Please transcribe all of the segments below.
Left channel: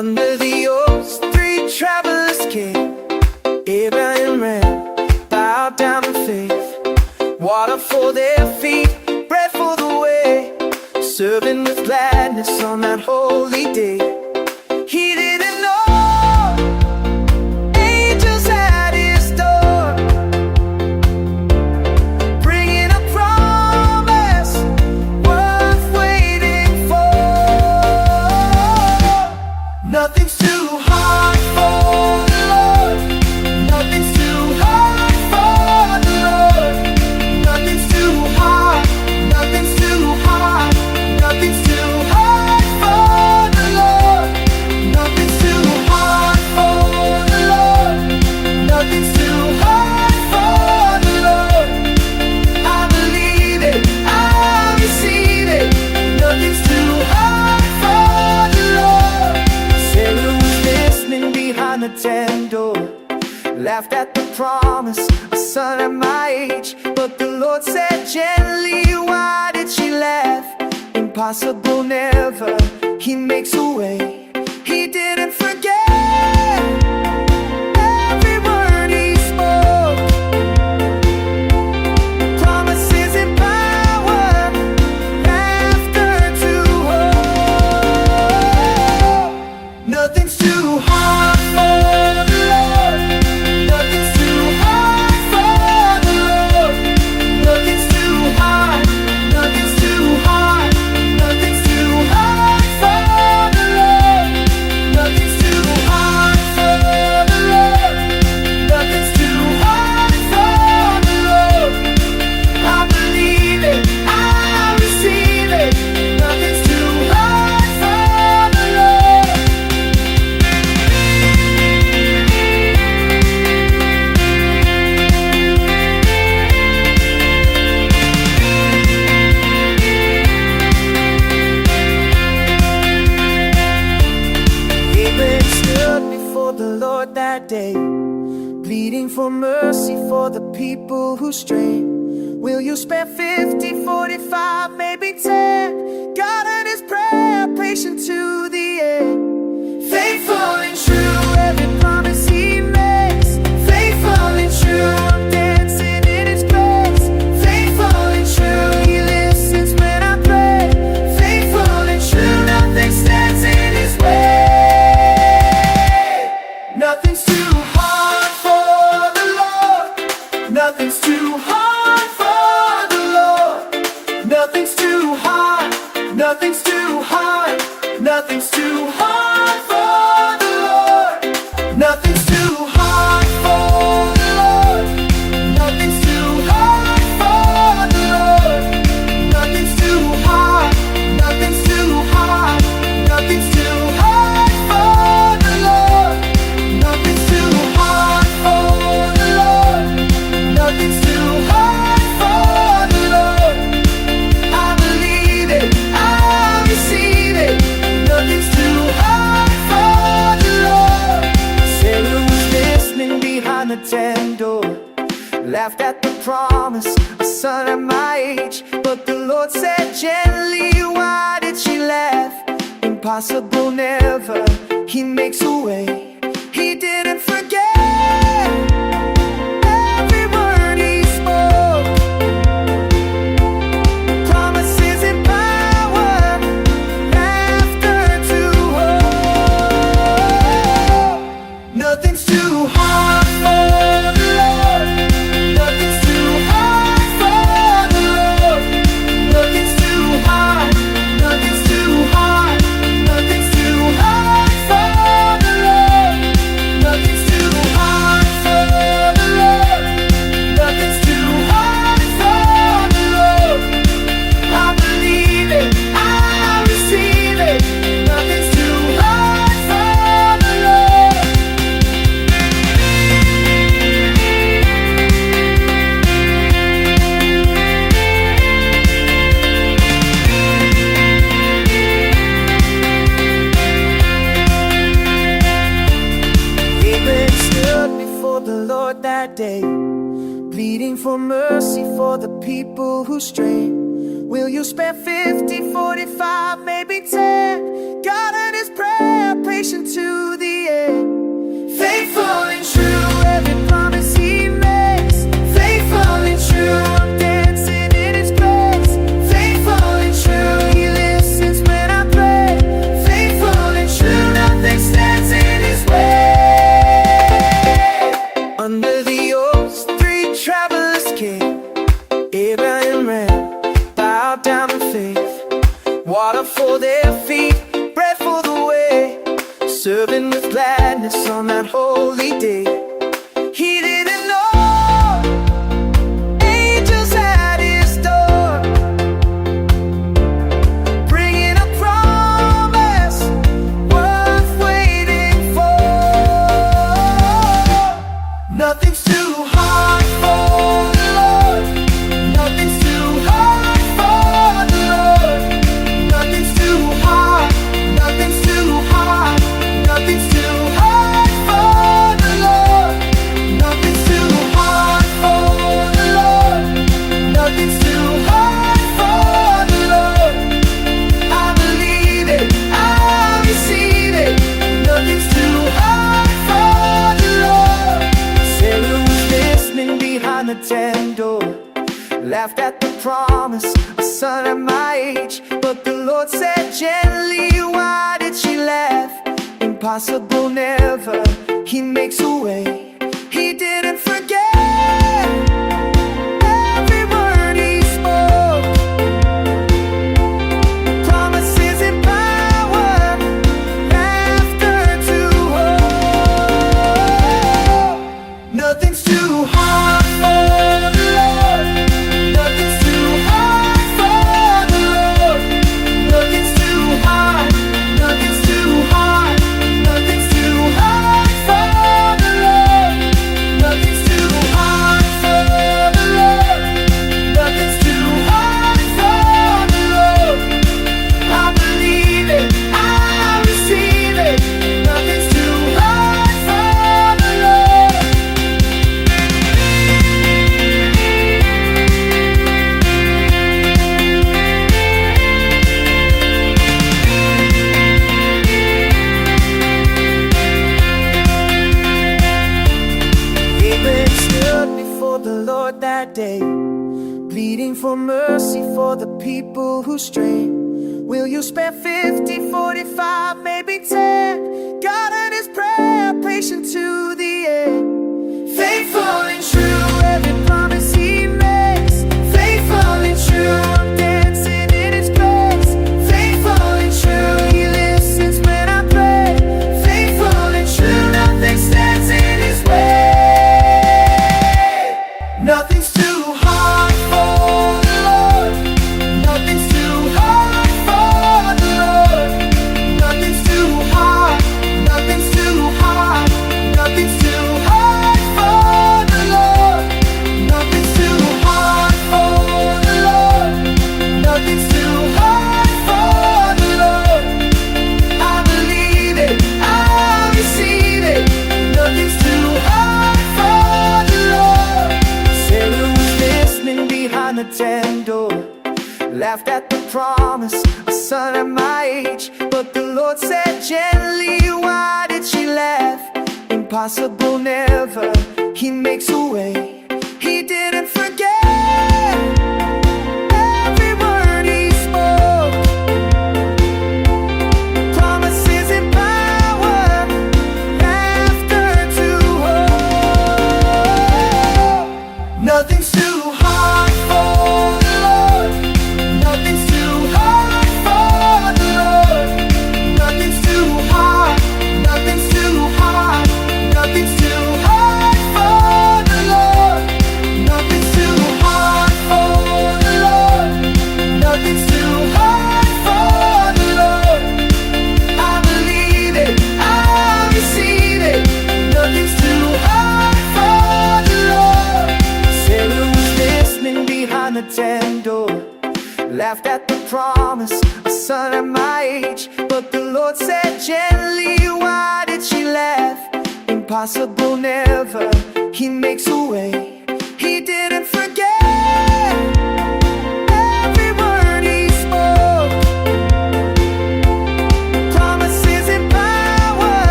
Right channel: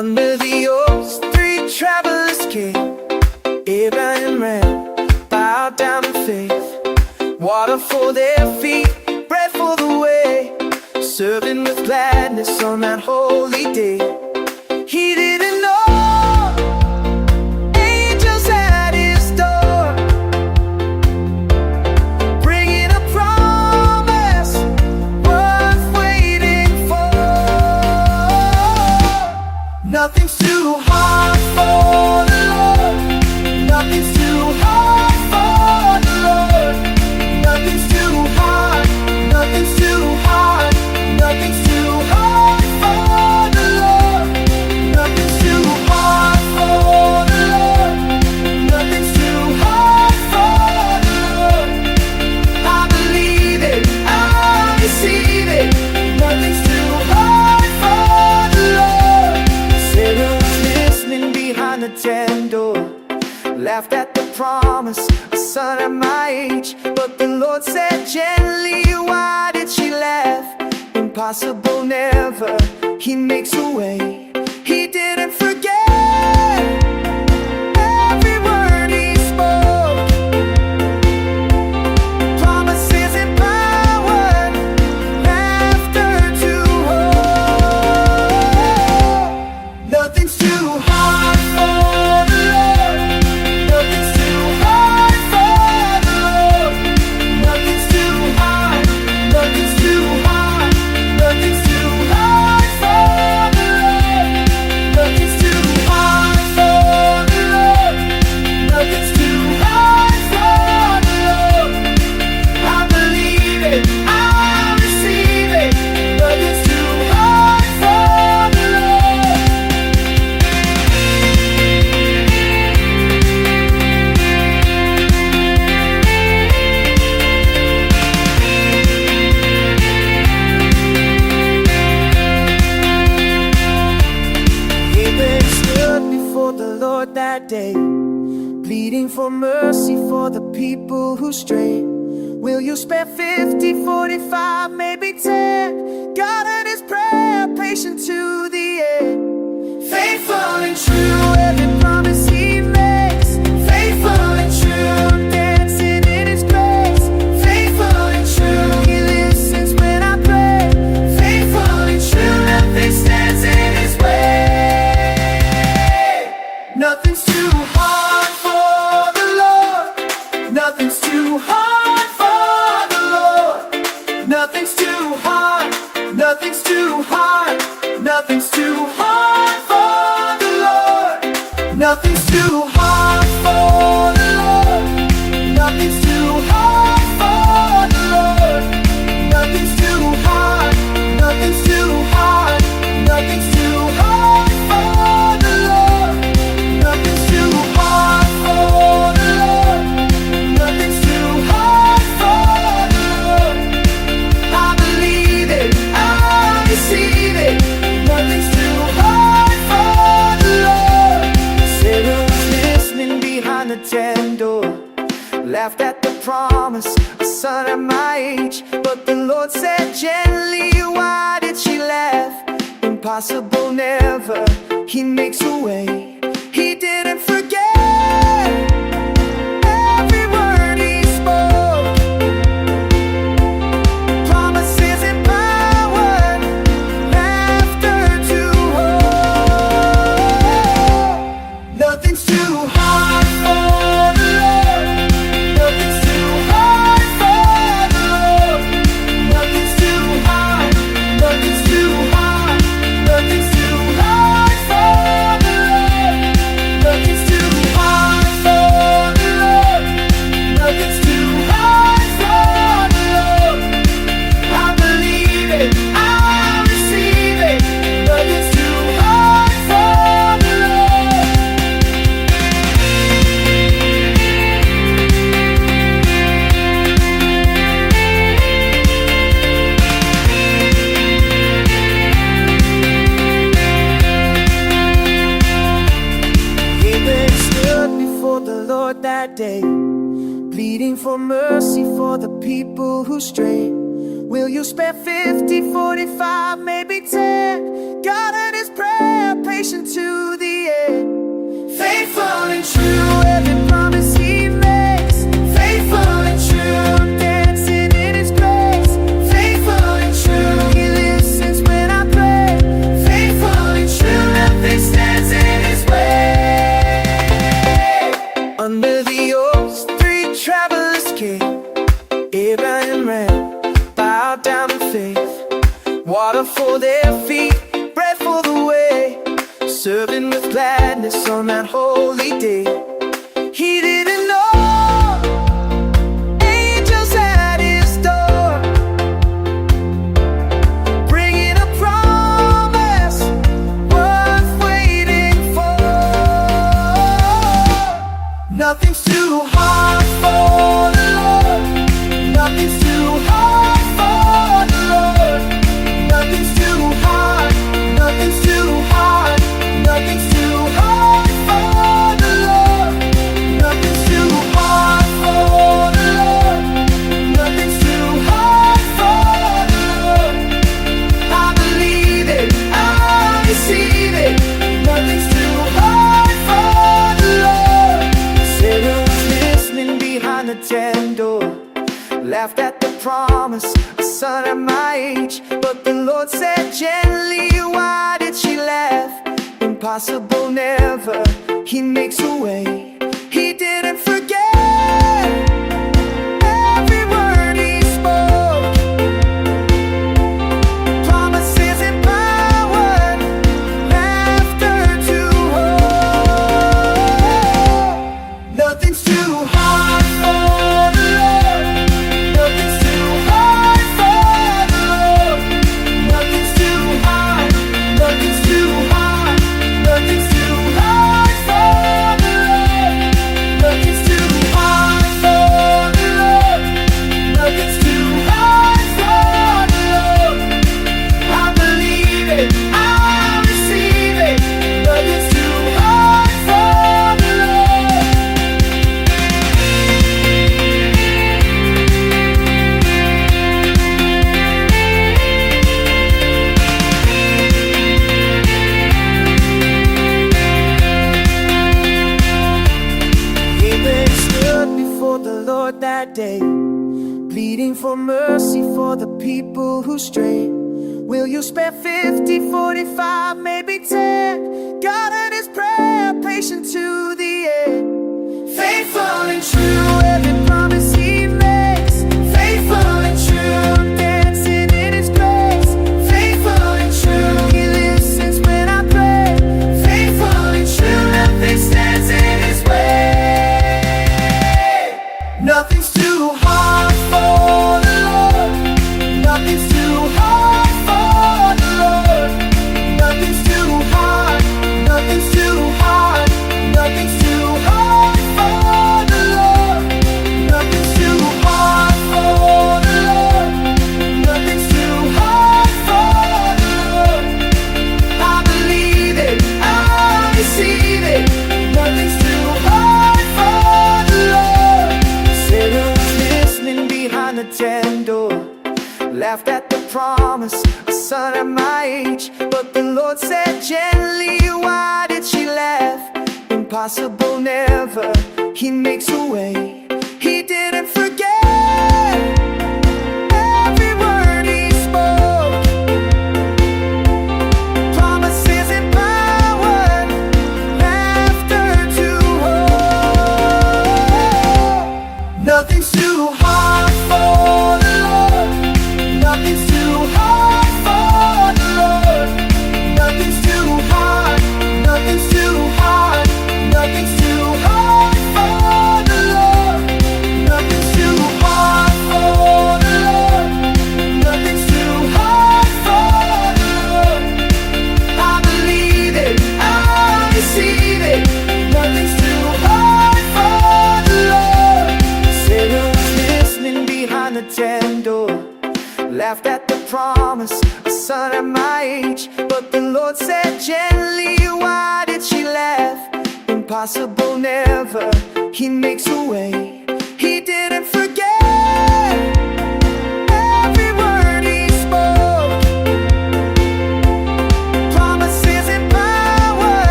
Under the oaks, three travelers came. Abraham ran, bowed down in faith. Water for their feet, bread for the way, serving with gladness on that holy day. He didn't know angels at his door, bringing a promise worth waiting for. Nothing's too hard for the Lord. Nothing's too hard for the Lord. Nothing's too hard. Nothing's too hard. Nothing's too hard for the Lord. Nothing's too hard for the Lord. Nothing's too hard for the Lord. I believe it, I receive it. Nothing's too hard for the Lord. Sarah was listening behind the tent door, laughed at the promise, a son at my age. But the Lord said gently, why did she laugh? Impossible never, He makes a way. He didn't forget every word He spoke. Promises and power, laughter to hope. Nothing's too hard for the Lord. Nothing's too hard for the Lord. Nothing's too hard. Nothing's too hard. Nothing's too hard for the Lord. Nothing's too hard for the Lord. Nothing's too hard for the Lord. I believe it, I receive it. Nothing's too hard for the Lord. Abraham stood before the Lord that day, pleading for mercy for the people who stray. Will you spare 50, 45, maybe 10? God heard his prayer, patient to the end. Faithful and true, every promise He makes. Faithful and true, I'm dancing in His grace. Faithful and true, He listens when I pray. Faithful and true, nothing stands in His way. Nothing's too hard for the Lord. Nothing's too hard for the Lord. Nothing's too hard. Nothing's too hard. Nothing's too hard for the Lord. Nothing's too hard for the Lord. Nothing's too hard for the Lord. Nothing's too hard. Nothing's too hard. Nothing's too hard for the Lord. Nothing's too hard for the Lord. Nothing's too hard for the Lord. I believe it, I receive it. Nothing's too hard for the Lord. Sarah was listening behind the tent door, laughed at the promise, a son at my age. But the Lord said gently, why did she laugh? Impossible never, He makes a way. He didn't forget every word He spoke. Promises and power, laughter to hope. Nothing's too hard for the Lord. Nothing's too hard for the Lord. Nothing's too hard. Nothing's too hard. Nothing's too hard for the Lord. Nothing's too hard for the Lord. Nothing's too hard for the Lord. I believe it, I receive it. Nothing's too hard for the Lord. Abraham stood before the Lord that day, pleading for mercy for the people who stray. Will you spare 50, 45, maybe 10? God heard his prayer, patient to the end. Faithful and true, every promise he makes. Faithful and true, I'm dancing in his grace. Faithful and true, he listens when I pray. Faithful and true, nothing stands in his way. Under the oaks, 3 travelers came. Abraham ran, bowed down in faith. Water for their feet, bread for the way. Serving with gladness on that holy day. He didn't know angels at his door, bringing a promise worth waiting for. Nothing's too hard for the Lord. Nothing's too hard for the Lord. Nothing's too hard. Nothing's too hard. Nothing's too hard for the Lord. Nothing's too hard for the Lord. Nothing's too hard for the Lord. I believe it, I receive it. Nothing's too hard for the Lord. Sarah was listening behind the tent door, laughed at the promise, a son at my age. But the Lord said gently, why did she laugh? Impossible never, he makes a way. He didn't forget every word he spoke. Promises and power, laughter to hope. Nothing's too hard for the Lord. Nothing's too hard for the Lord. Nothing's too hard. Nothing's too hard. Nothing's too hard for the Lord. Nothing's too hard for the Lord. Nothing's too hard for the Lord. I believe it, I receive it. Nothing's too hard for the Lord. Abraham stood before the Lord that day, pleading for mercy for the people who stray. Will you spare 50, 45, maybe 10? God heard his prayer, patient to the end. Faithful and true, every promise he makes. Faithful and true, I'm dancing in his grace. Faithful and true, he listens when I pray. Faithful and true, nothing stands in his way. Nothing's too hard for the Lord. Nothing's too hard for the Lord. Nothing's too hard. Nothing's too hard. Nothing's too hard for the Lord. Nothing's too hard for the Lord. Nothing's too hard for the Lord. I believe it, I receive it. Nothing's too hard for the Lord. Sarah was listening behind the tent door, laughed at the promise, a son at my age. But the Lord said gently, why did she laugh? Impossible never, he makes a way. He didn't forget every word he spoke. Promises and power, laughter to hope. Nothing's too hard for the Lord. Nothing's too hard for the Lord. Nothing's too hard. Nothing's too hard. Nothing's too hard for the Lord. Nothing's too hard for the Lord. Nothing's too hard for the Lord. I believe it, I receive it. Nothing's too hard for the Lord. Sarah was listening behind the tent door, laughed at the promise, a son at my age. But the Lord said gently, why did she laugh? Impossible never, he makes a way. He didn't forget every word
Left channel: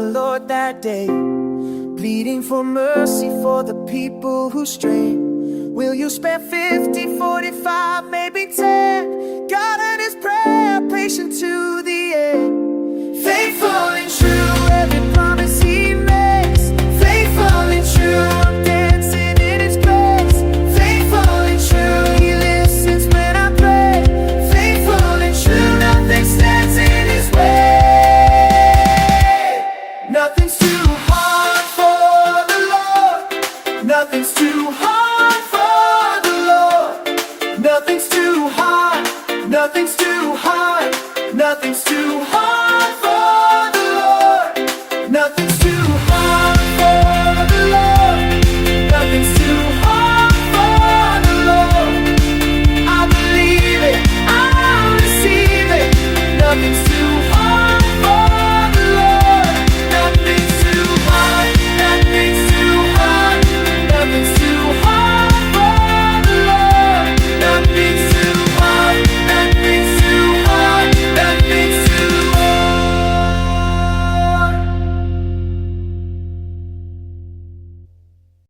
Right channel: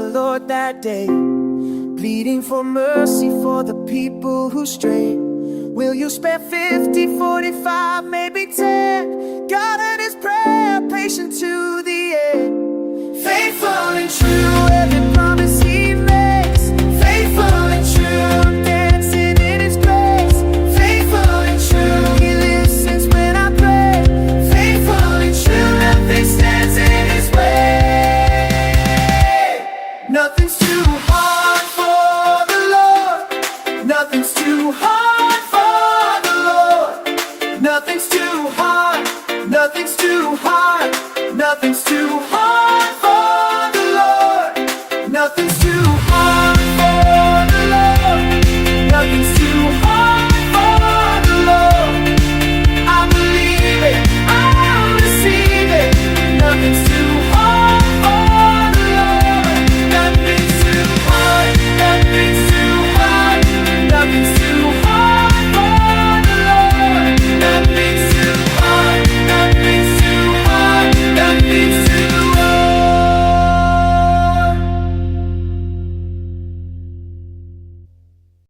Lord that day, pleading for mercy for the people who stray. Will you spare 50, 45, maybe 10? God heard his prayer, patient to the end. Faithful and true, every promise he makes. Faithful and true, I'm dancing in his grace. Faithful and true, he listens when I pray. Faithful and true, nothing stands in his way. Nothing's too hard for the Lord. Nothing's too hard for the Lord. Nothing's too hard. Nothing's too hard. Nothing's too hard for the Lord. Nothing's too